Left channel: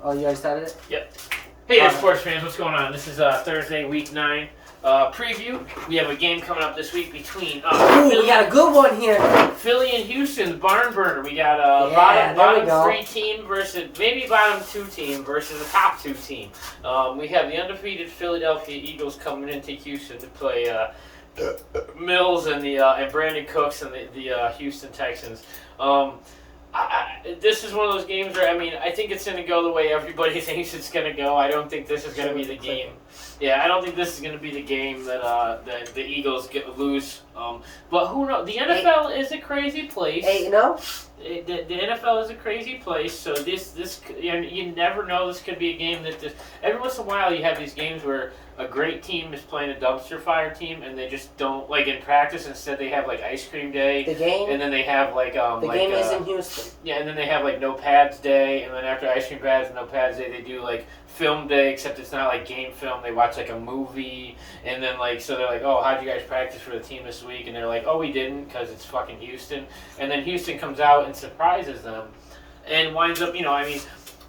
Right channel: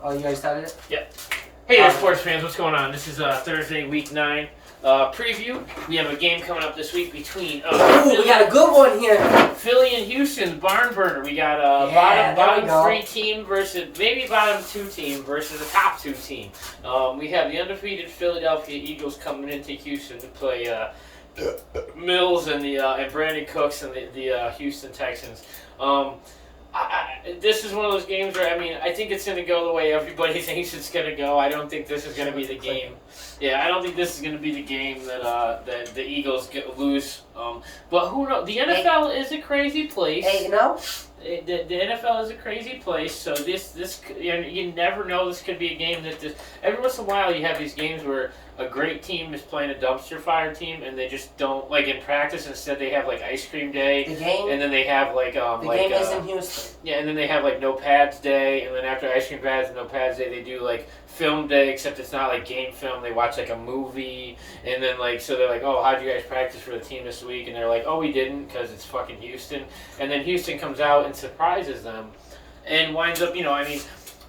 Oh, you already started it? Yep. Hey there, sports fans. What's going on? This is Thursday, week 9 preview. We have a game coming up this week between we got a good one here. Philly and Houston, barn burner. We got bottom 3 team versus maybe bottom 2 team versus a top 2 team. We have the undefeated Philadelphia Eagles coming into Houston to play Mills and and Brandon Cooks and the Houston Texans. This is one of those games where, I think it's going to go the way everybody thinks it's going to go. I don't think this is going to be the game. Yeah, I don't think this is going to be the game that the Eagles lose. But who knows? The NFL is a crazy place. Hey, you know? The NFL is a crazy place, so this you never know. This could be a game that every once in a while you have these games where a great team is playing a dumpster fire team, and they just don't, like, in practice. Instead, they have like ice cream day. The game. And then they have the game is in Houston. Yeah, and then they have like no pads day, and then after ice cream pads and no pads day, they do like film day, except it's not like game film. They watch like a movie, and then so they're like, oh, how'd you guys practice for the team this week? And they're like, oh, we didn't, because it's fucking Houston. And then Houston comes out and surprises them, and winds up,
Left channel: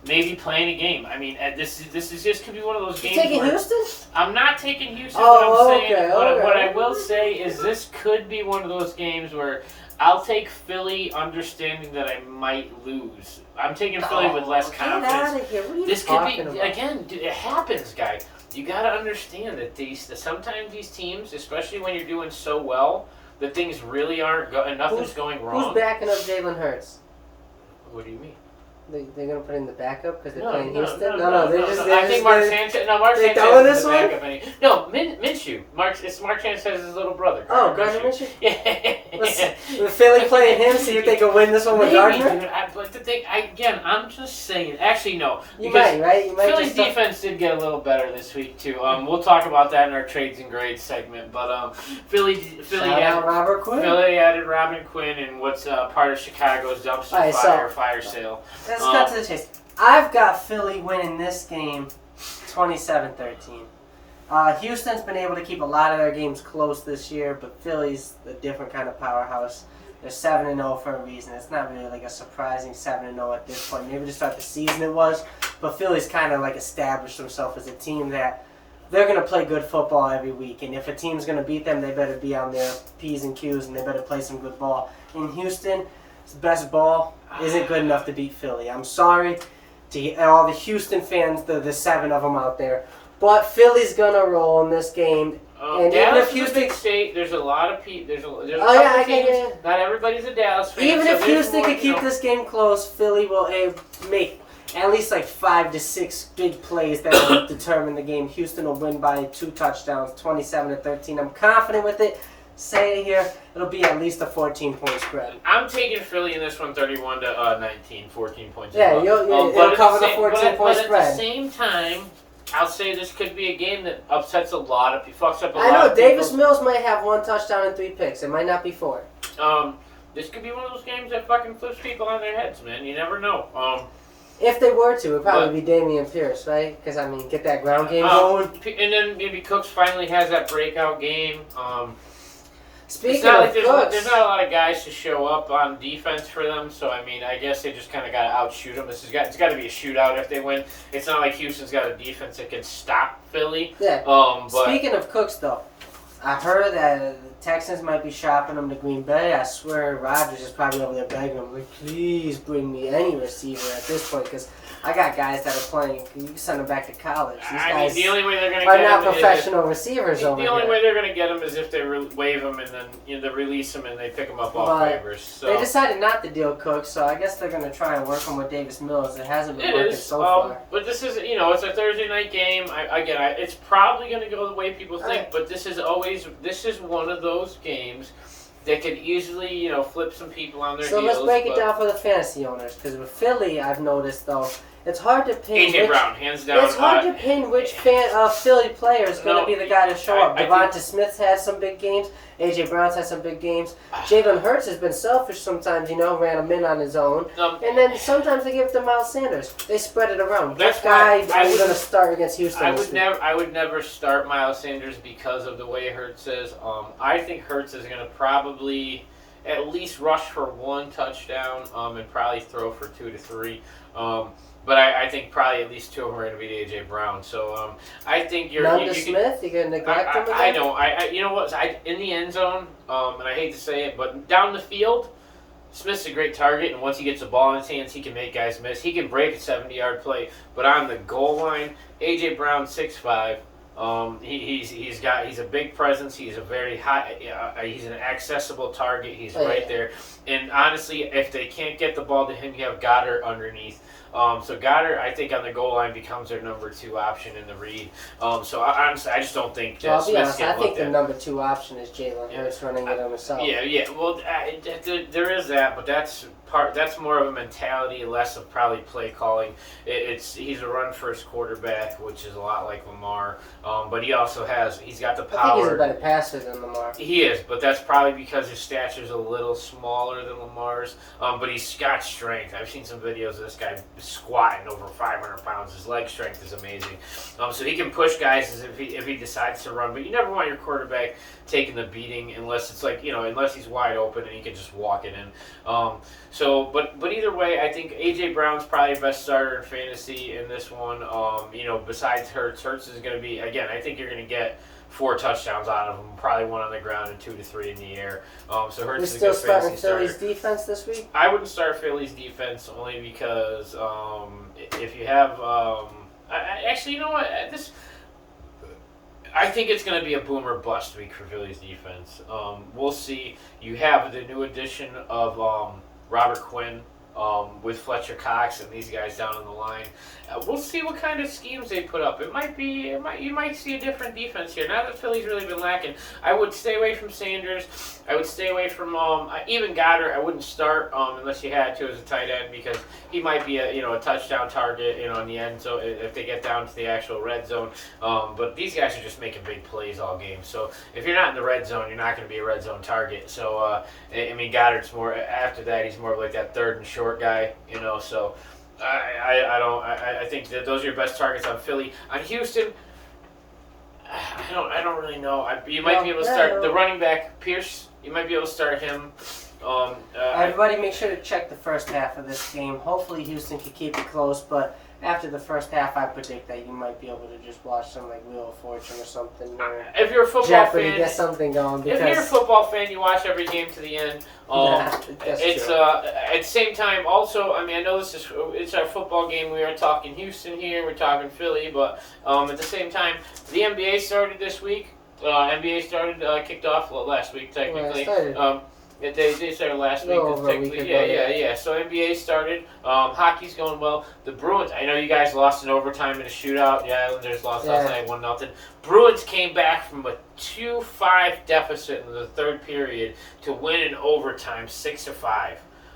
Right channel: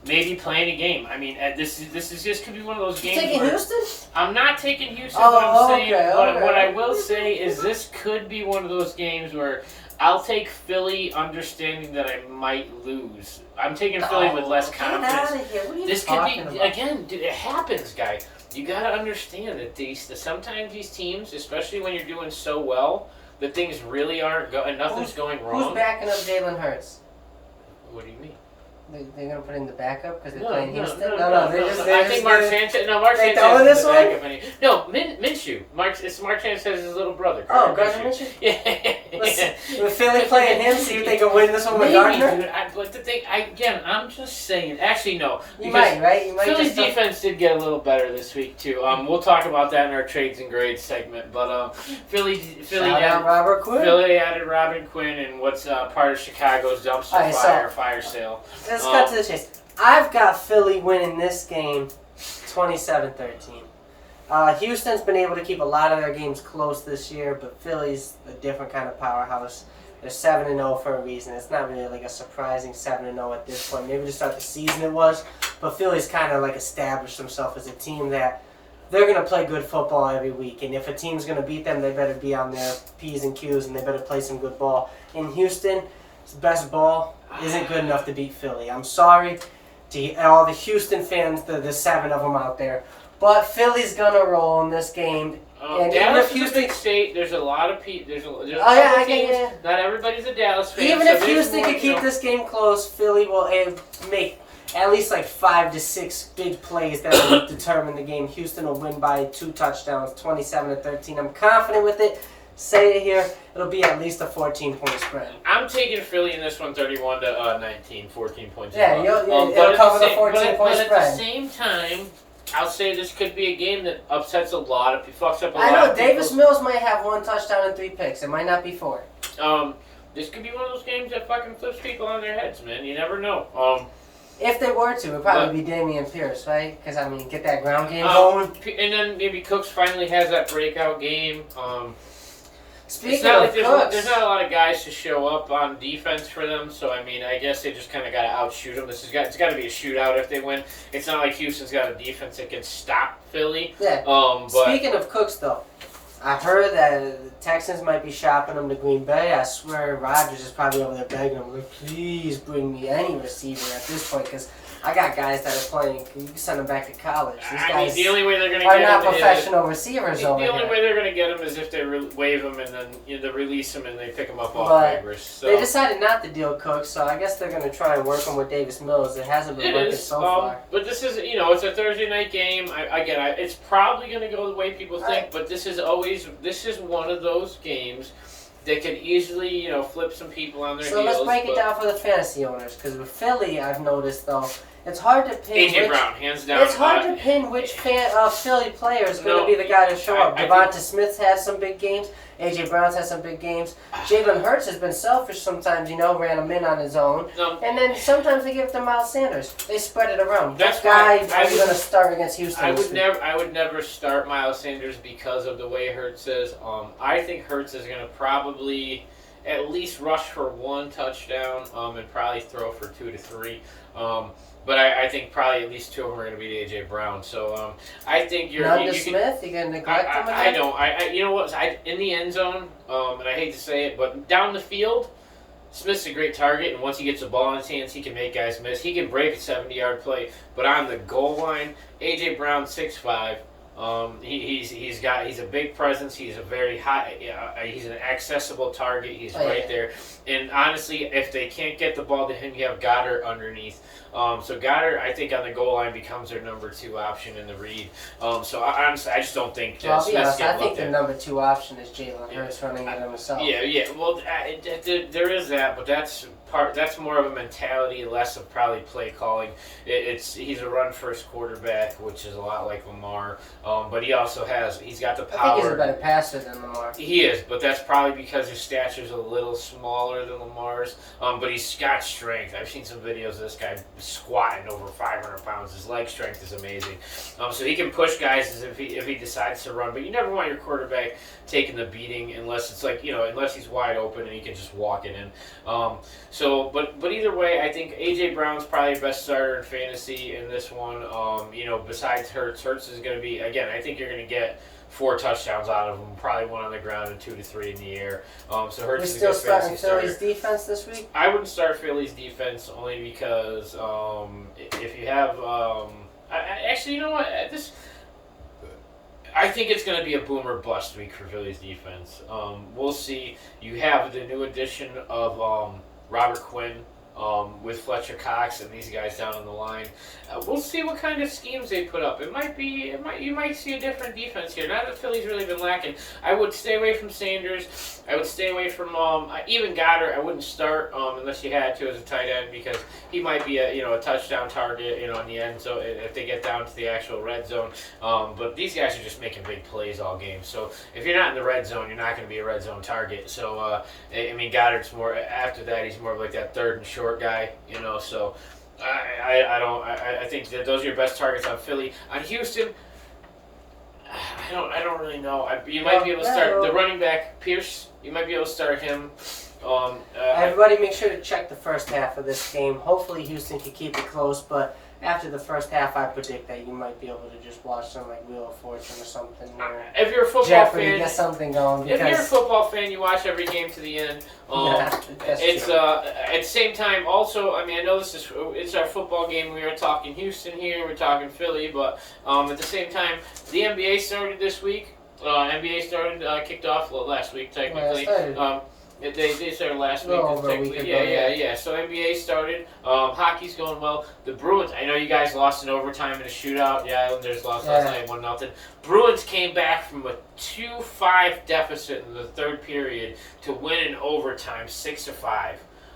maybe playing a game. This is just could be one of those games. You taking Houston? I'm not taking Houston. Okay. What I will say is this could be one of those games where I'll take Philly, understanding that I might lose. I'm taking Philly with less confidence. Get out of here. What are you This could talking be about? again. It happens, guy. You gotta understand that sometimes these teams, especially when you're doing so well, that things really aren't nothing's going wrong. Who's backing up Jalen Hurts? What do you mean? They're gonna put in the backup because they're playing Houston. No. I think Mark Sanchez. No, Mark they Sanchez throwing is this the one? backup. No, Minshew. It's Mark Sanchez's little brother. Oh, Gardner Minshew. Yeah. With Philly playing him, see if they can win this one with Gardner. Dude, but the thing, I'm just saying. Actually, no. You might, right? You might. Philly's defense did get a little better this week too. We'll talk about that in our trades and grades segment. But Philly added Robert Quinn. Philly added Robin Quinn and what's part of Chicago's dumpster fire sale. Let's cut to the chase. I've got Philly winning this game 27-13. Houston's been able to keep a lot of their games close this year, but Philly's a different kind of powerhouse. They're 7-0 for a reason. It's not really like a surprising 7-0 at this point. Maybe to start the season it was, but Philly's kind of like established themselves as a team that they're going to play good football every week, and if a team's going to beat them, they better be on their P's and Q's, and they better play some good ball. In Houston, his best ball isn't good enough to beat Philly. I'm sorry to all the Houston fans, the 7 of them out there. But Philly's gonna roll in this game. And Dallas is a big state. There's a lot of people. There's a lot of teams. Not everybody's a Dallas fan. Even if Houston could keep this game close, Philly will make at least like 5 to 6 big plays that will determine the game. Houston will win by 2 touchdowns, 27-13. I'm confident with it. Say it here, it'll be at least a 14-point spread. I'm taking Philly in this one 31-19, 14 points. Yeah, it'll cover the 14-point spread. But at the same time, I'll say this could be a game that upsets a lot of people, fucks up a lot of people. I know, Davis Mills might have 1 touchdown and 3 picks. It might not be 4. This could be one of those games that fucking flips people on their heads, man. You never know. If they were to, it'd probably be Dameon Pierce, right? Because, get that ground game going. And then maybe Cooks finally has that breakout game. Speaking of Cooks, there's not a lot of guys to show up on defense for them, so I guess they just kind of got to outshoot them. It's got to be a shootout if they win. It's not like Houston's got a defense that can stop Philly. Yeah. But speaking of Cooks, though, I heard that the Texans might be shopping him to Green Bay. I swear Rodgers is probably over there begging him, like, please bring me any receiver at this point, because I got guys that are playing. You can send them back to college. These guys the only way they're going to are get not professional receivers over here. The only here. way they're going to get them is if they waive them and then they release them and they pick them up off waivers. So. They decided not to deal Cooks, so I guess they're going to try and work him with Davis Mills. It hasn't been working so far. But this is, it's a Thursday night game. It's probably going to go the way people think, but this is one of those games that could easily, flip some people on their heels. So let's break it down for the fantasy owners, because with Philly, I've noticed, though, it's hard to pin AJ Brown, hands down. It's hard to pin which Philly player is going to be the guy to show up. Devonta Smith's had some big games. AJ Brown's had some big games. Jalen Hurts has been selfish sometimes, ran him in on his own. And then sometimes they give it to Miles Sanders. They spread it around. That guy I'm going to start against Houston. I would never start Miles Sanders because of the way Hurts is. I think Hurts is going to probably at least rush for 1 touchdown and probably throw for 2 to 3. but I think probably at least two of them are going to beat AJ Brown. So I think None to Smith. You gonna neglect him again? I don't. You know what? In the end zone, and I hate to say it, but down the field, Smith's a great target, and once he gets the ball in his hands, he can make guys miss. He can break a 70-yard play, but on the goal line, AJ Brown 6'5". He's a big presence. He's a very high. He's an accessible target. He's right there. And honestly, if they can't get the ball to him, you have Goddard underneath. So Goddard, I think, on the goal line becomes their number 2 option in the read. So I just don't think that Smith's I think the number 2 option is Jalen Hurts running it himself. Yeah. Well, there is that, but that's more of a mentality, less of probably play calling. He's a run first quarterback, which is a lot like Lamar. But he's got the power. I think he's a better passer than Lamar. He is, but that's probably because his stature's a little smaller than Lamar's. But he's got strength. I've seen some videos of this guy squatting over 500 pounds. His leg strength is amazing. So he can push guys if he decides to run. But you never want your quarterback taking the beating unless it's unless he's wide open and he can just walk it in. But either way, I think AJ Brown's probably the best starter in fantasy in this one. Besides Hurts is going to be, again, I think you're going to get 4 touchdowns out of him, probably 1 on the ground and 2 to 3 in the air. So Hurts is a good fantasy starter. We still starting Philly's defense this week? I wouldn't start Philly's defense only because if you have actually, you know what, I think it's going to be a boom or bust week for Philly's defense. We'll see. You have the new addition of Robert Quinn with Fletcher Cox and these guys down on the line. We'll see what kind of schemes they put up. You might see a different defense here. Not that Philly's really been lacking. I would stay away from Sanders. I would stay away from even Goddard. I wouldn't start unless you had to as a tight end because he might be a touchdown target in the end zone if they get down to the actual red zone. But these guys are just making big plays all game. So if you're not in the red zone, you're not going to be a red zone target. So Goddard's more after that. He's more of like that third and short guy. So. I think that those are your best targets on Philly. On Houston, I don't really know. You might be able to start the running back Pierce. You might be able to start him. Everybody, make sure to check the first half of this game. Hopefully, Houston can keep it close, but after the first half, I predict that you might be able to just watch some like Wheel of Fortune or something. Or if you're a football Jeopardy, fan, get something going. If you're a football fan, you watch every game to the end. It's true. At the same time. Also, I know it's our football game. We are talking Houston here. We're talking Philly, but at the same time, the NBA started this week. NBA kicked off last week technically. They started last week. Yeah. So NBA started. Hockey's going well. The Bruins, I know you guys lost in overtime in a shootout. The Islanders lost last night 1-0. Bruins came back from a 2-5 deficit in the third period to win in overtime 6-5.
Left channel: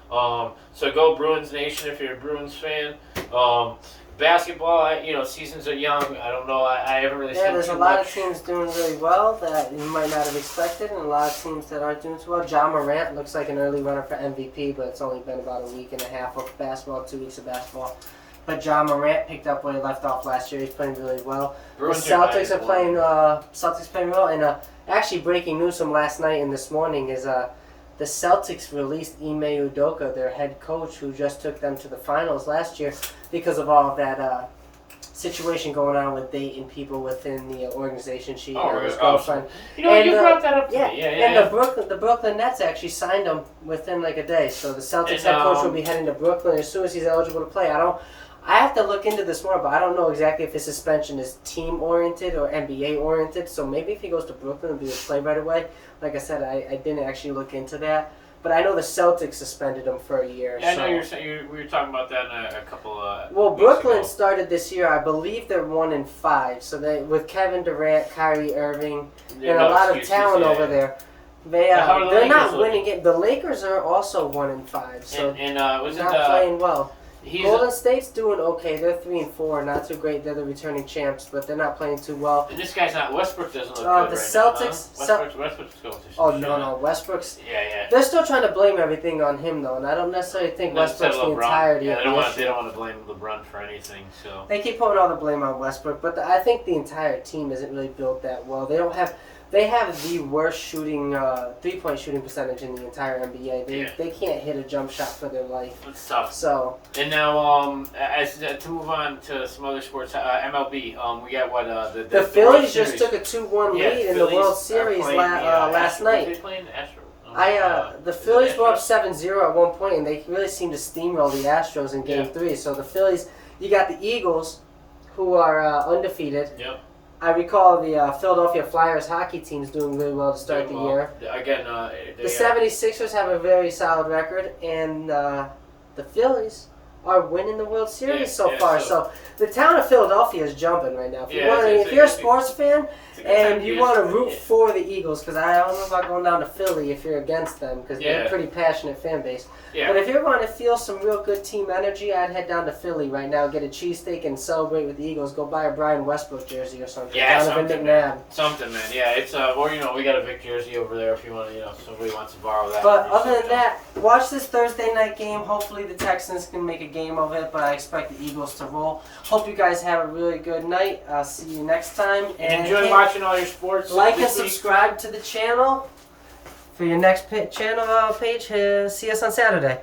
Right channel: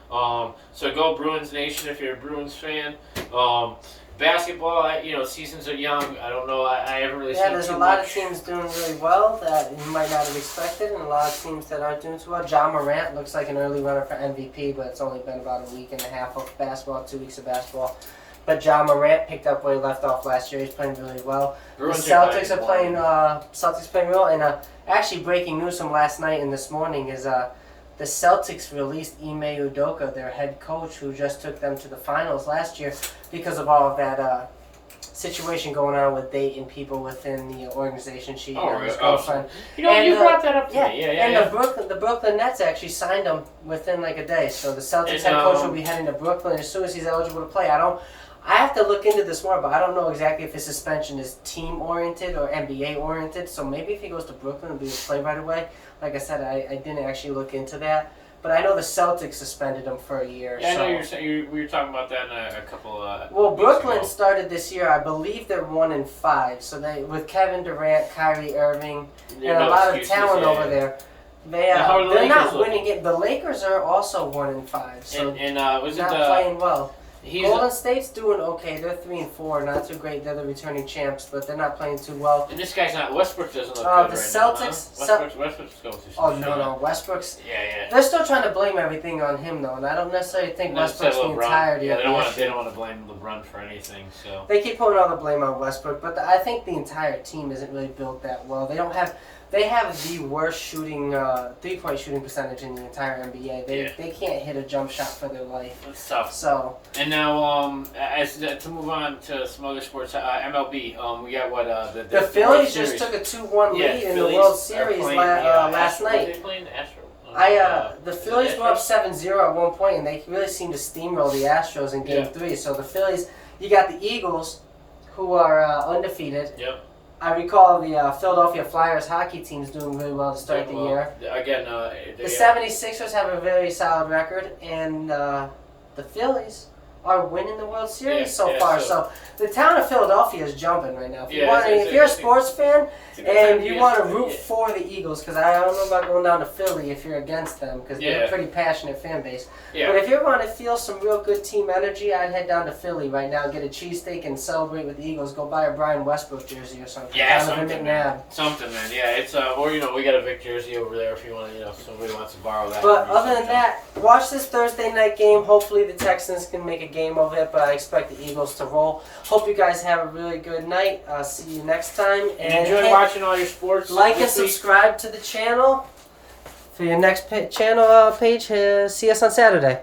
So go Bruins Nation if you're a Bruins fan. Basketball, seasons are young. I don't know. I haven't really seen too much. Yeah, there's a lot of teams doing really well that you might not have expected, and a lot of teams that aren't doing too well. Ja Morant looks like an early runner for MVP, but it's only been about a week and a half of basketball, 2 weeks of basketball. But Ja Morant picked up where he left off last year. He's playing really well. The Celtics are playing. Celtics playing well, and actually breaking news from last night and this morning is the Celtics released Ime Udoka, their head coach, who just took them to the finals last year because of all of that situation going on with dating people within the organization. She his girlfriend. You brought that up to me. And the Brooklyn Nets actually signed him within like a day. So the Celtics head coach will be heading to Brooklyn as soon as he's eligible to play. I have to look into this more, but I don't know exactly if his suspension is team-oriented or NBA-oriented. So maybe if he goes to Brooklyn, he'll be able to play right away. Like I said, I didn't actually look into that. But I know the Celtics suspended him for a year. Yeah, I know we were talking about that in a couple of Well, Brooklyn started this year. I believe they're 1-5. So with Kevin Durant, Kyrie Irving, and a lot of talent over there. They're not winning it. The Lakers are also 1-5. So not playing well. Golden State's doing okay. They're 3-4, not too great. They're the returning champs, but they're not playing too well. And this guy's not. Westbrook doesn't look good the right Celtics. Now, huh? Westbrook's going through some no, Westbrook's. Yeah. They're still trying to blame everything on him though, and I don't necessarily think Westbrook's the entirety of it. They don't want to blame LeBron for anything. So they keep putting all the blame on Westbrook, but I think the entire team isn't really built that well. They don't have They have the worst shooting, 3-point shooting percentage in the entire NBA. They can't hit a jump shot for their life. It's tough. So. And now, to move on to some other sports, MLB. We got what the Phillies just took a 2-1 lead in the World Series last night. Were they playing the Astros? The Phillies were up 7-0 at one point, and they really seemed to steamroll the Astros in Game 3. So the Phillies, you got the Eagles, who are undefeated. Yep. I recall the Philadelphia Flyers hockey team's doing really well to start the year. Again, the 76ers have a very solid record, and the Phillies are winning the World Series so far. So the town of Philadelphia is jumping right now. If you're a sports fan and you want to root for the Eagles, because I don't know about going down to Philly if you're against them, because they're a pretty passionate fan base. Yeah. But if you want to feel some real good team energy, I'd head down to Philly right now, get a cheesesteak and celebrate with the Eagles. Go buy a Brian Westbrook jersey or something. Yeah, Donovan McNabb. Something, man. Yeah, it's or we got a Vic jersey over there if you want to, if somebody wants to borrow that. But other than that, watch this Thursday night game. Hopefully the Texans can make a game of it, but I expect the Eagles to roll. Hope you guys have a really good night. I'll see you next time. And enjoy watching all your sports. Like and subscribe to the channel for your next channel page. See us on Saturday.